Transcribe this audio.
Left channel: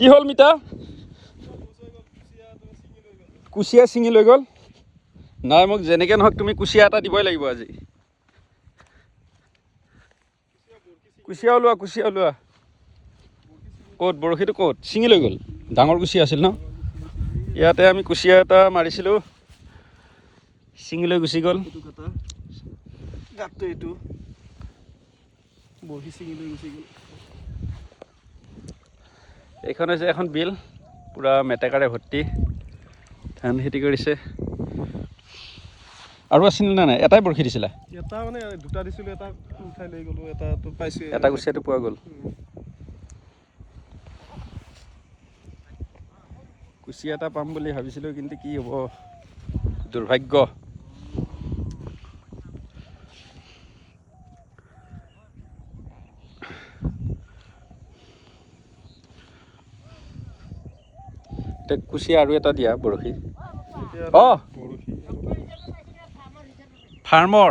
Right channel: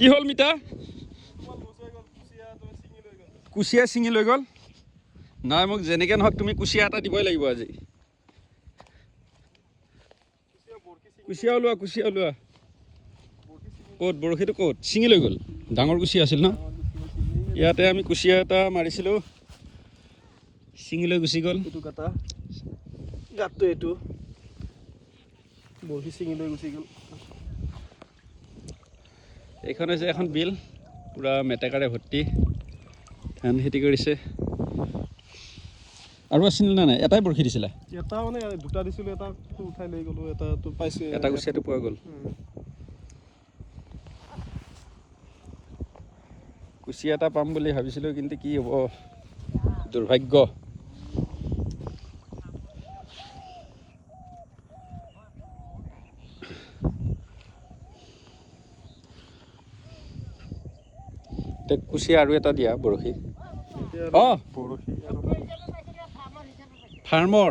কি হ'ল মিতা কুচিয়া ছিঙি লৈ গ'ল নাই মোক যেনেকৈ নহওক তুমি কুচিয়া এটা দিবই লাগিব আজি কুচিয়া ওলোৱা ক'ত বৰশীটো ক'ত ছিঙি লৈ গ'ল ডাঙৰ কুচিয়া আছিল ন ইয়াতে আমি কুচিয়া এটা মাৰিছিলোঁ ছিঙি লৈ গুচি গ'ল এইখন হৈছে এখন বিল পুৰা মেটেকাৰে ভৰ্তি ধান খেতি কৰিছে আৰু আছিল নে নাই এটাই বৰশী দিছিলা এটা মানে দুটা দিছিলোঁ এটা উঠাই লৈ গ'লোঁ এটাটো পাইছোঁ এটা কুচিয়াটো পোৱা গ'ল কুচিয়া এটা পাম বুলি ভাবিছিলোঁ কিন্তু কি হ'ব দুৰ্ভাগ্য কুচিয়া আৰু এটা দিয়া বৰশী অঁ ফাৰ্মৰ